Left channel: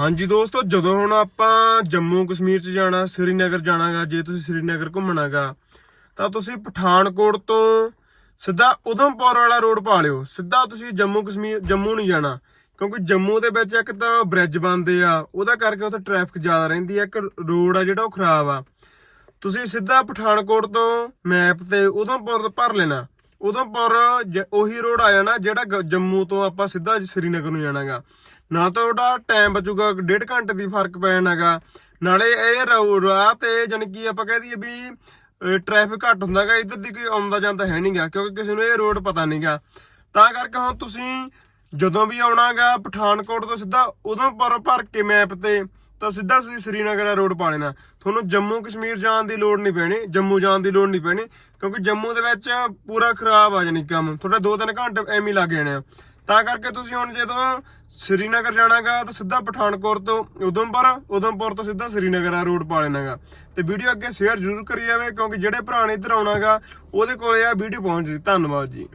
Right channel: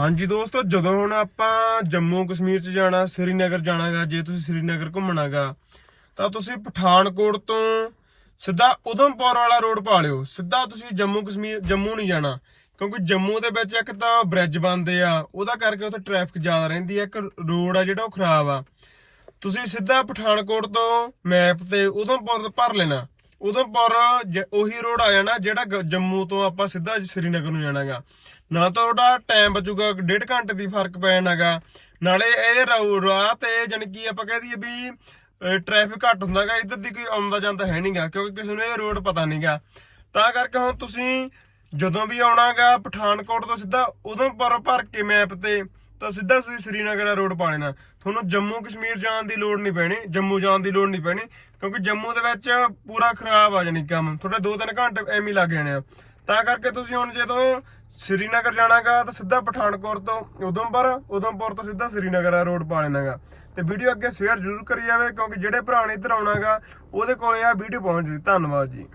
ਹਾਂਜੀ ਦੋਸਤੋ, ਜਦੋਂ ਹੁਣ ਆਪਾਂ ਜੰਮੂ ਕਸ਼ਮੀਰ ਚ ਜਾਣਾ, ਸ੍ਰੀਨਗਰ ਜਾਣਾਗਾ, ਜੇ ਤੁਸੀਂ ਸ੍ਰੀਨਗਰ ਘੁੰਮਣਾਗਾ, ਤਾਂ ਤੁਸੀਂ ਪਠਾਨਕੋਟ ਤੋਂ ਸਿੱਧਾ ਉਧਮਪੁਰ ਵਾਲਾ ਰੋਡ ਪਾ ਲਿਓ। ਸਿੱਧਾ ਤੁਸੀਂ ਜੰਮੂ ਕਸ਼ਮੀਰ, ਜੰਮੂ ਨਹੀਂ ਜਾਣਾ, ਕਿਉਂਕਿ ਜੰਮੂ ਦੇ ਵਿੱਚ ਇੱਕ ਤਾਂ ਬ੍ਰਿਜ ਬਣਦੇ ਆ, ਉਹਦਾ ਕਰਕੇ ਉੱਥੇ ਟ੍ਰੈਫਿਕ ਜ਼ਿਆਦਾ ਰਹਿੰਦੀ ਆ, ਇੱਕ ਰੋਡ ਆ ਜਿਹੜਾ ਉਹ ਖਰਾਬ ਆ। ਤੁਸੀਂ ਸਿੱਧਾ ਪਠਾਨਕੋਟ ਤੋਂ ਮੈਪ ਤੇ ਉਧਮਪੁਰ ਭਰ ਲੈਣਾ। ਉਧਮਪੁਰ ਜ- ਉਹੀ ਰੋਡ ਆ ਜਾਣਾ ਜਿਹੜਾ ਗ- ਜੰਮੂ ਤੋਂ ਆਪਾਂ ਸਿੱਧਾ ਸ੍ਰੀਨਗਰ ਨੂੰ ਜਾਣਾਗਾ। ਨਾ ਤਾਂ ਤੁਹਾਡਾ ਟਾਈਮ ਬਚੂਗਾ, ਡੇਢ ਘੰਟੇ ਦੀ ਫ਼ਰਕ ਪੈ ਜਾਣਾਗਾ ਨਾਲੇ ਇਹ ਰੋ- ਰਾਹ ਤੇ ਜਾਣੀ ਕਿ ਆਪਾਂ ਕਹਿ ਦਈਏ ਵੀ ਟ੍ਰੈਫਿਕ ਘੱਟ ਹੁੰਦਾਗਾ ਇੱਧਰ ਦੀ ਕੋਈ ਆਉਂਦਾ ਜਾਂਦਾ ਹੈ ਨਹੀਂਗਾ ਕਿਉਂਕਿ ਕਿਸੇ ਨੂੰ ਇਹ ਰੋਡ ਪਤਾ ਨਹੀਂਗਾ ਤਾਂ ਕਰਕੇ ਹੁਣ ਤੁਸੀਂ ਜਦੋਂ ਵੀ ਆਉਣਾਗਾ ਪਠਾਨਕੋਟ ਤੋਂ ਸਿੱਧਾ ਉਧਮਪੁਰ ਭਰ ਕੇ ਮੈਪ ਤੇ, ਤਾਂ ਸਿੱਧਾ ਤੁਸੀਂ ਸ੍ਰੀਨਗਰ ਦਾ ਰੋਡ ਪਾ ਲੈਣਾ। ਤੁਹਾਨੂੰ ਜੰਮੂ ਕਸ਼ਮੀਰ ਜਾਣ ਦੀ ਲੋੜ ਨਹੀਂ ਪੈਣੀ, ਜੰਮੂ ਜਾਣ ਦੀ ਲੋੜ ਨਹੀਂ ਪੈਣੀ, ਕਿਉਂਕਿ ਜੰਮੂ ਦੇ ਵਿੱਚ ਪੂਰਾ ਖਰਾਬ ਆ ਜਾਣੀ ਕੰਮ। ਤੁਹਾਡਾ 2-3 ਘੰਟੇ ਐਵੇਂ ਲੱਗ ਜਾਣੇ ਆ। ਤਾਂ ਕਰਕੇ ਤੁਸੀਂ ਹੁਣ ਜਦੋਂ ਸ੍ਰੀਨਗਰ ਜਾਣਾਗਾ ਤਾਂ ਸਿੱਧਾ ਪਠਾਨਕੋਟ ਤੋਂ ਉਧਮਪੁਰ ਉਧਮਪੁਰ ਤੋਂ ਸਿੱਧਾ ਸ੍ਰੀਨਗਰ ਆ ਰੋਡ ਪਾ ਲੈਣਾਗਾ। ਤੇ ਵੀਡੀਓ ਅੱਗੇ ਸ਼ੇਅਰ ਜ਼ਰੂਰ ਕਰੀ ਜਾਵੇ ਕਿਉਂਕਿ ਜਿਹੜੇ ਭਰਾ ਨੇ ਇੱਧਰ ਆਉਣਾਗਾ, ਉਹਦੇ ਕੋਲੇ ਆ ਵੀਡੀਓ ਪਹੁੰਚ ਜੀ। ਧੰਨਵਾਦ ਜੀ।